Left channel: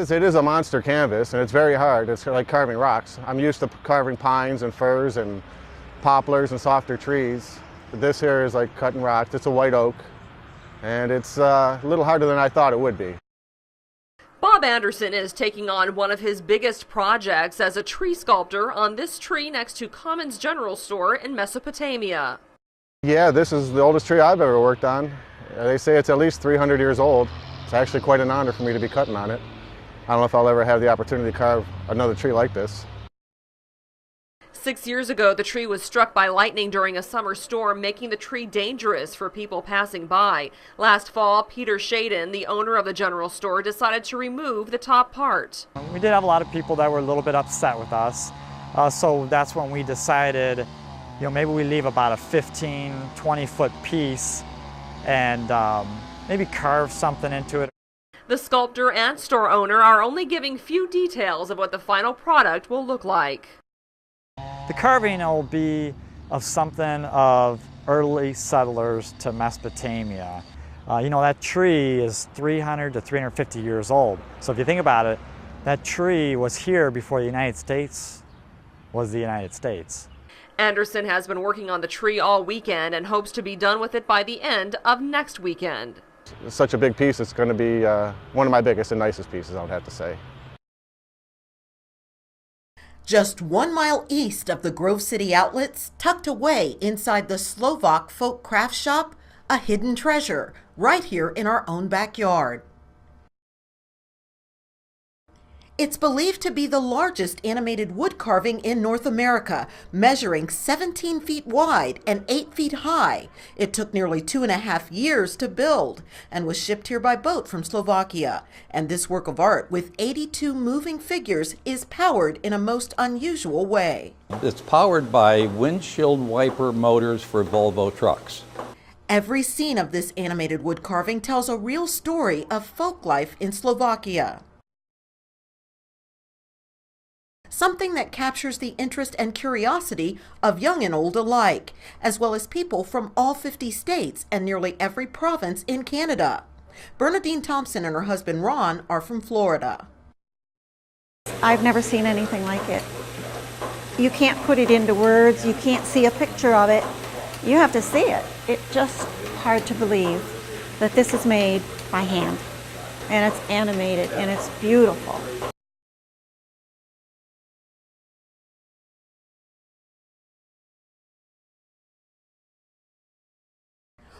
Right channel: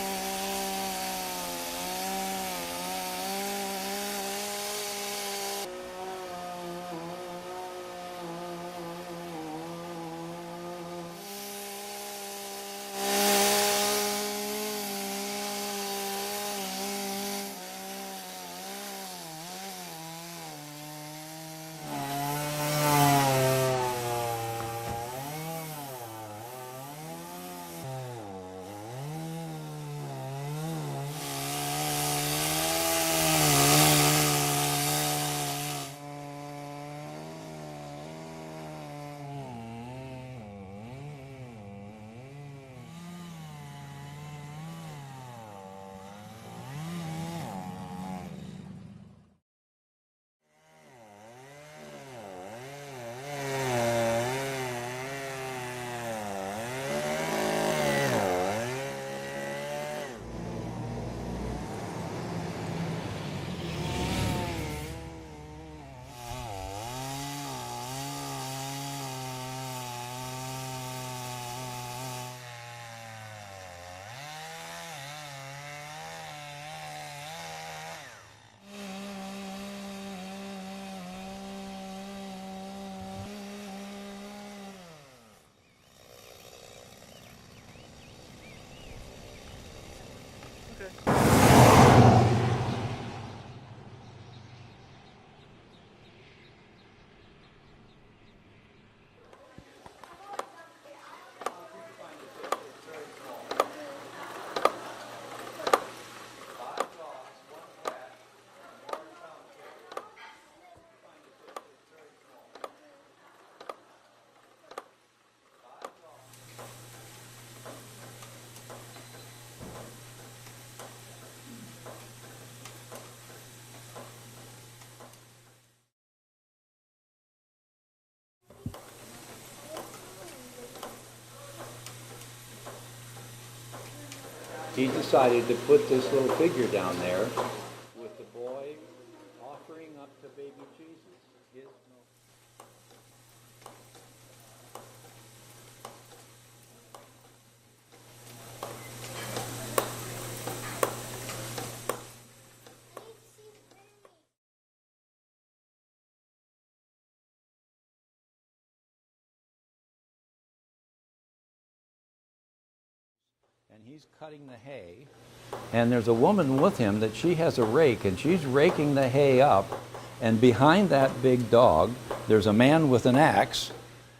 It is a monster canvas, and it's very hard. It's like carving rocks. I'm used to carving pines and firs and poplars and softer trees. But this here is like cutting rocks. It's a white oak, and it's a little harder than I thought it would be. Bob Anderson is taking on one of his biggest projects as a tree sculptor on this tree next to Commons General Store in Mesopotamia. Yeah, this is the oldest tree I've ever worked on. They say it's at least 300 years old. It's actually quite an honor for me to be cutting on it. I don't know if I'll ever have the opportunity to carve another tree like this. 6 years ago, the tree was struck by lightning during a summer storm, making the tree dangerous for people passing by. Last fall, Peter Shaden, the owner of the general store, decided to remove the top part. We did have a lot of people that were a little bit upset with us. So that's when we decided, maybe we leave about a 15, 20-foot piece and maybe carve something into it. The sculptor and store owner are only giving few details of what the final product will look like. The carving will be of something of early settlers to Mesopotamia. That tree is 300 to 350 years old. So if you think about it, that tree was here before the United States was the United States. Anderson has been working on the tree all weekend and hopes to be done with it by the end of next weekend. It's such a big piece, it's going to be one of my biggest and nicest pieces, I would have to say. Just 1 mile east of the Grove City outlets, tucked away inside the Slovak folk craft shop, a hidden treasure right here in our own backyard. It's believed to be the largest animated wood carving in North America, measuring 17 feet wide and 8 feet high. It took nearly 2.5 years to build and was shipped here by boat from Slovakia. And this work of art with 82 moving figures is powered in a most unusual way. It's powered by windshield wiper motors for Volvo trucks. Every scene of this animated wood carving tells a real story of folk life in Slovakia. He decided to put this little figure down there. Something that captures the interest and curiosity of young and old alike, as well as people from all 50 states and nearly every province in Canada. Bernadine Thompson and her husband Ron are from Florida. I've never seen anything like it. You can't put it into words, you can't see a picture of it. You have to see it. It's just hard to believe that this is made by hand. And it's animated, and it's beautiful. And there's a woman with him that she has a rake, and she's raking the hay up. And behind that big dog, there's a man with an axe.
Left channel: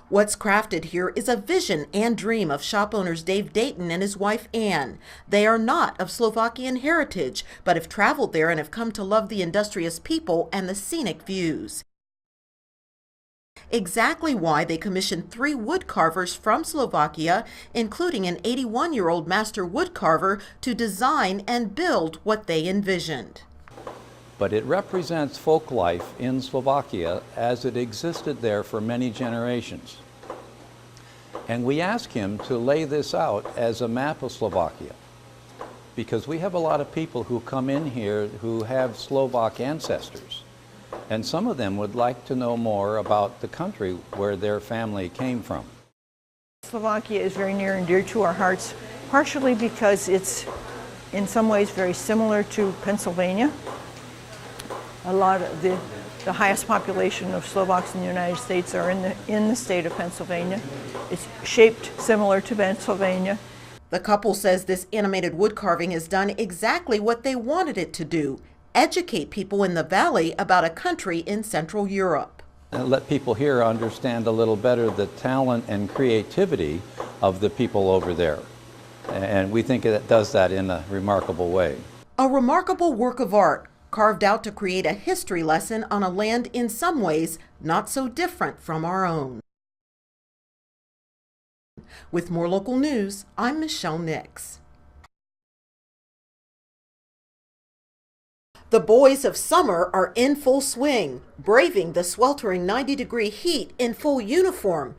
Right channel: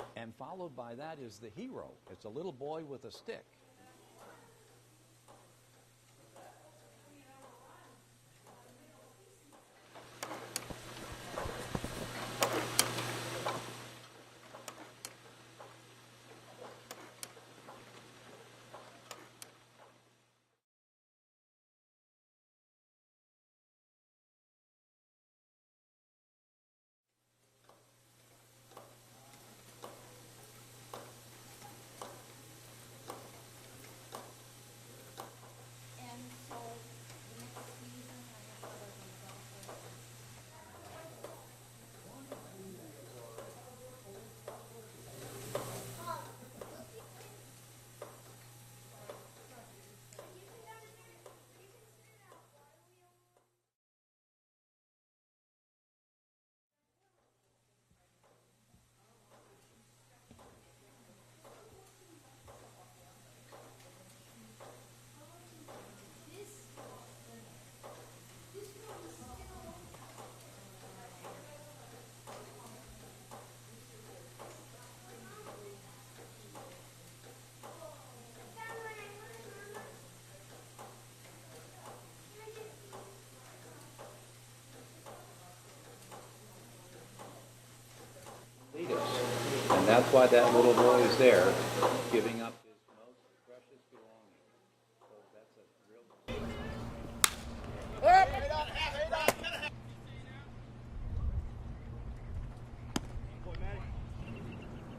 What's crafted here is a vision and dream of shop owners Dave Dayton and his wife Ann. They are not of Slovakian heritage, but have traveled there and have come to love the industrious people and the scenic views. Exactly why they commissioned 3 wood carvers from Slovakia, including an 81-year-old master wood carver, to design and build what they envisioned. But it represents folk life in Slovakia as it existed there for many generations. And we asked him to lay this out as a map of Slovakia, because we have a lot of people who come in here who have Slovak ancestors. And some of them would like to know more about the country where their family came from. Slovakia is very near and dear to our hearts, partially because it's in some ways very similar to Pennsylvania. A lot of the highest population of Slovaks in the United States are in the state of Pennsylvania. It's shaped similar to Pennsylvania. The couple says this animated wood carving has done exactly what they wanted it to do: educate people in the valley about a country in Central Europe. And let people here understand a little better the talent and creativity of the people over there. And we think it does that in a remarkable way. A remarkable work of art carved out to create a history lesson on a land in some ways not so different from our own. And that's why that little boy is there. With more local news, I'm Michelle Nix. The boys of summer are in full swing, braving the sweltering 90-degree heat in full uniform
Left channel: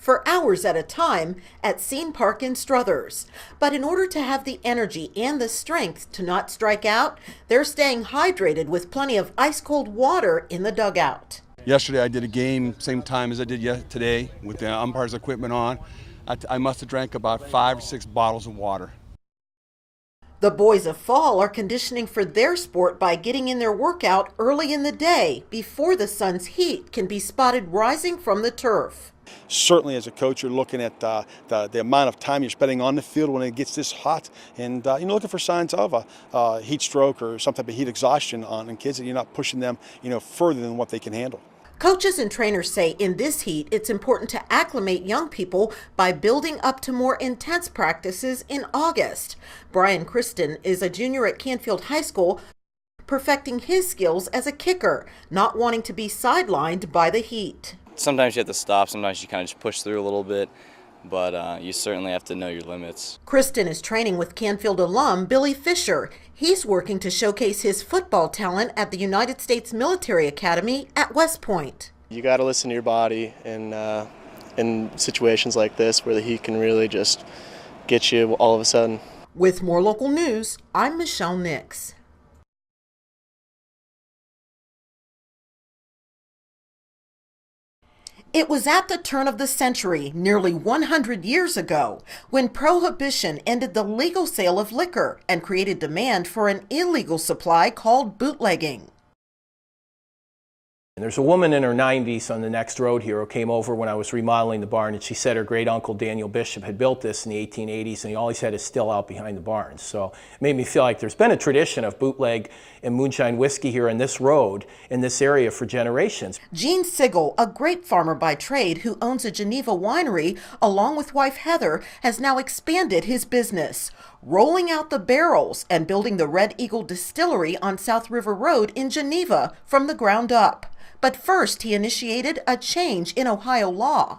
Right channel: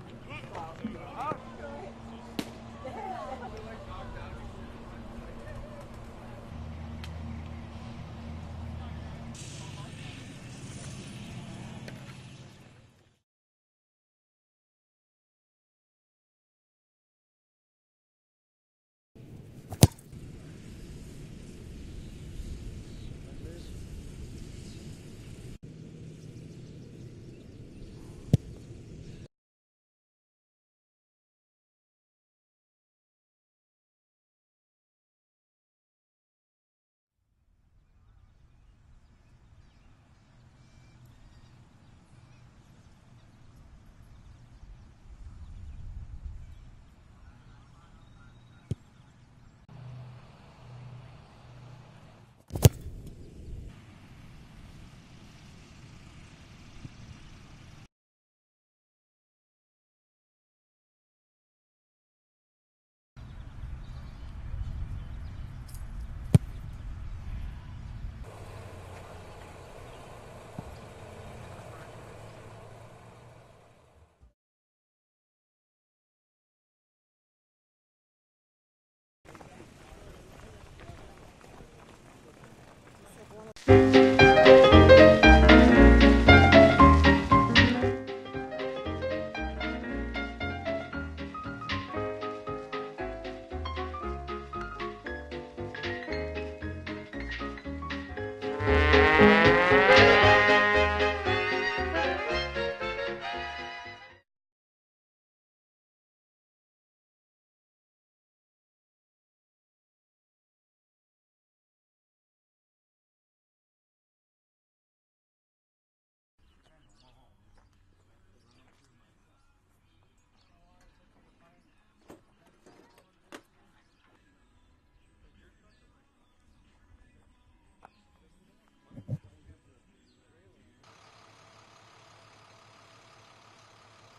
for hours at a time at Scene Park in Struthers. But in order to have the energy and the strength to not strike out, they're staying hydrated with plenty of ice-cold water in the dugout. Yesterday I did a game same time as I did today with the umpire's equipment on. I must have drank about 5 or 6 bottles of water. The boys of fall are conditioning for their sport by getting in their workout early in the day before the sun's heat can be spotted rising from the turf. Certainly as a coach, you're looking at the amount of time you're spending on the field when it gets this hot, and you're looking for signs of a heat stroke or some type of heat exhaustion on kids, and you're not pushing them further than what they can handle. Coaches and trainers say in this heat, it's important to acclimate young people by building up to more intense practices in August. Brian Kristen is a junior at Canfield High School, perfecting his skills as a kicker, not wanting to be sidelined by the heat. Sometimes you have to stop, sometimes you kind of just push through a little bit, but you certainly have to know your limits. Kristen is training with Canfield alum Billy Fisher. He's working to showcase his football talent at the United States Military Academy at West Point. You got to listen to your body, and in situations like this where the heat can really just get you all of a sudden. With more local news, I'm Michelle Nix. It was at the turn of the century, nearly 100 years ago, when Prohibition ended the legal sale of liquor and created demand for an illegal supply called bootlegging. There's a woman in her 90s on the next road here who came over when I was remodeling the barn, and she said her great uncle Daniel Bishop had built this in the 1880s, and he always had his still out behind the barn. So it made me feel like there's been a tradition of bootleg and moonshine whiskey here in this road, in this area for generations. Gene Sigel, a grape farmer by trade who owns a Geneva winery, along with wife Heather, has now expanded his business, rolling out the barrels and building the Red Eagle Distillery on South River Road in Geneva from the ground up. But first, he initiated a change in Ohio law.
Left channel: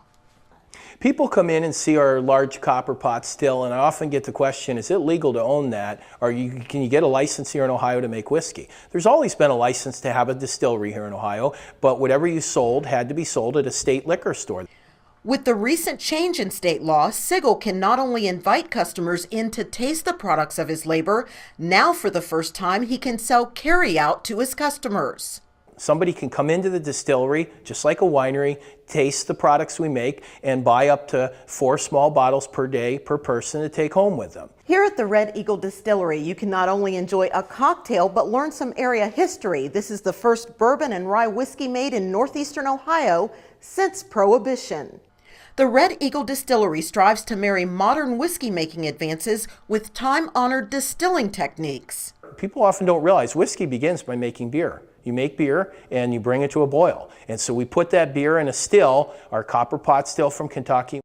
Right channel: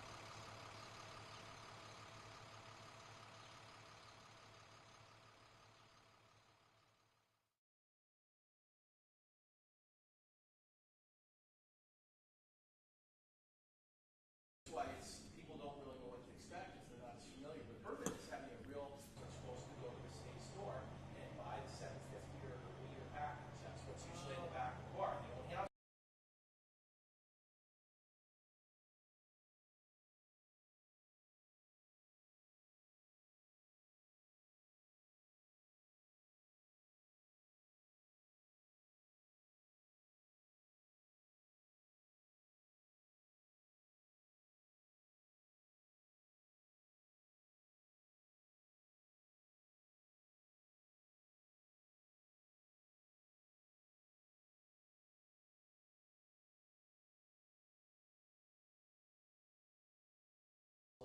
People come in and see our large copper pot still, and I often get the question, is it legal to own that? Or can you get a license here in Ohio to make whiskey? There's always been a license to have a distillery here in Ohio, but whatever you sold had to be sold at a state liquor store. With the recent change in state law, Sigel can not only invite customers in to taste the products of his labor, now for the first time he can sell carry-out to his customers. Somebody can come into the distillery, just like a winery, taste the products we make, and buy up to 4 small bottles per day per person to take home with them. Here at the Red Eagle Distillery, you can not only enjoy a cocktail, but learn some area history. This is the first bourbon and rye whiskey made in northeastern Ohio since Prohibition. The Red Eagle Distillery strives to marry modern whiskey-making advances with time-honored distilling techniques. People often don't realize whiskey begins by making beer. You make beer and you bring it to a boil. And so we put that beer in a still, our copper pot still from Kentucky.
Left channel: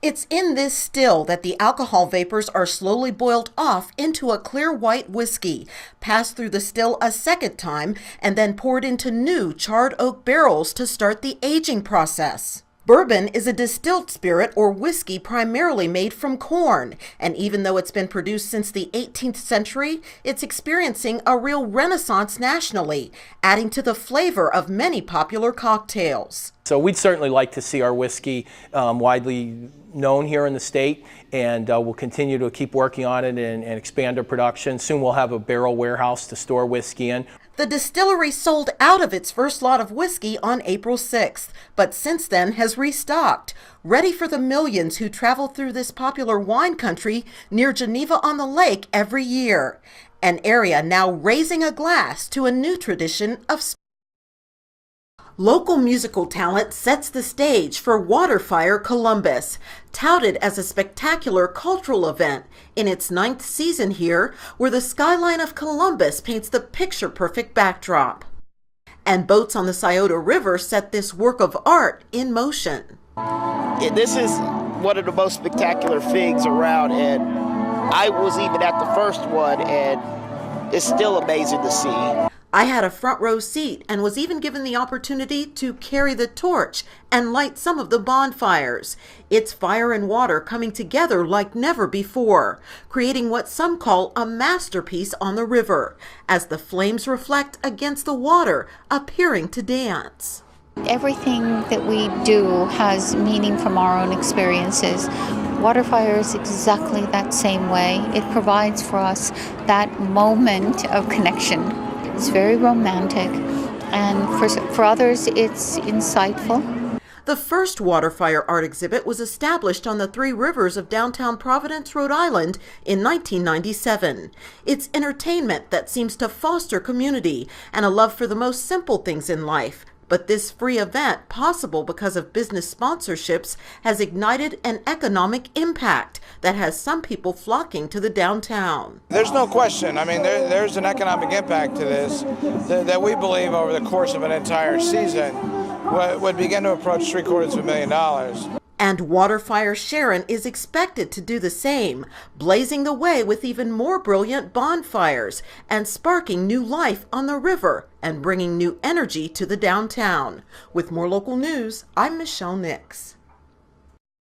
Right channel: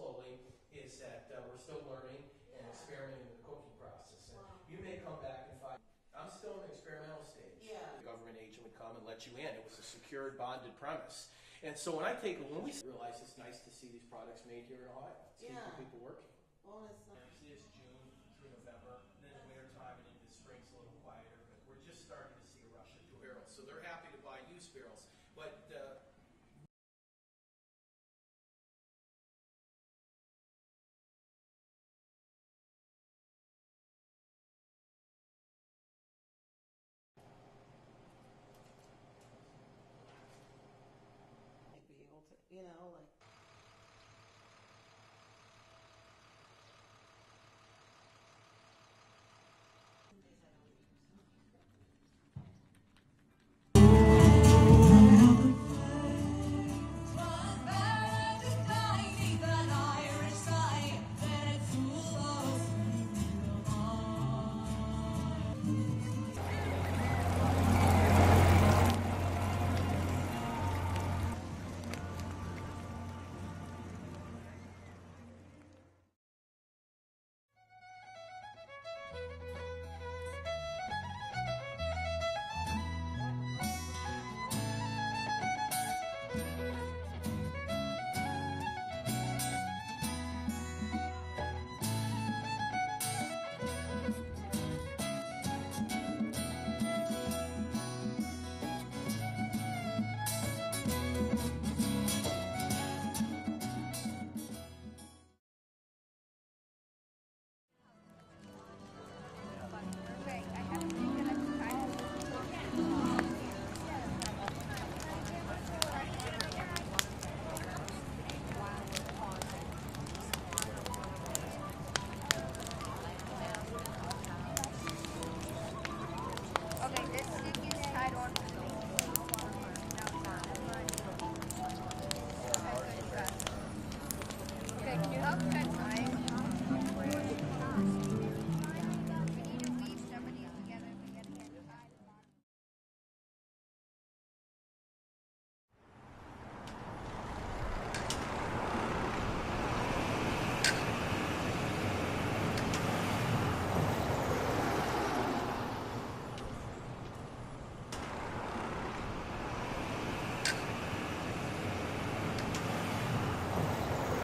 It's in this still that the alcohol vapors are slowly boiled off into a clear white whiskey, passed through the still a second time, and then poured into new charred oak barrels to start the aging process. Bourbon is a distilled spirit or whiskey primarily made from corn, and even though it's been produced since the 18th century, it's experiencing a real renaissance nationally, adding to the flavor of many popular cocktails. So we'd certainly like to see our whiskey widely known here in the state, and we'll continue to keep working on it and expand our production. Soon we'll have a barrel warehouse to store whiskey in. The distillery sold out of its first lot of whiskey on April 6th, but since then has restocked, ready for the millions who travel through this popular wine country near Geneva on the Lake every year. An area now raising a glass to a new tradition of local musical talent sets the stage for Waterfire Columbus, touted as a spectacular cultural event. In its 9th season here, where the skyline of Columbus paints the picture-perfect backdrop. And boats on the Scioto River set this work of art in motion. This is one of the most spectacular things around, and I was even at the first one, and it's still amazing to see. I had a front row seat and was even given the opportunity to carry the torch and light some of the bonfires. It's fire and water coming together like never before, creating what some call a masterpiece on the river, as the flames reflect against the water, appearing to dance. Everything that we do has meaning from our own experiences. Waterfire is exactly that same way. It provides for us that moment of connection. It's very romantic, and for others it's insightful. The first water fire art exhibit was established on the Three Rivers of downtown Providence, Rhode Island in 1997. It's entertainment that seems to foster community and a love for the most simple things in life. But this free event, possible because of business sponsorships, has ignited an economic impact that has some people flocking to the downtown. There's no question. I mean, there's an economic impact to this that we believe over the course of an entire season would begin to approach $750,000. And Waterfire Sharon is expected to do the same, blazing the way with even more brilliant bonfires and sparking new life on the river and bringing new energy to the downtown. With more local news, I'm Michelle Nix.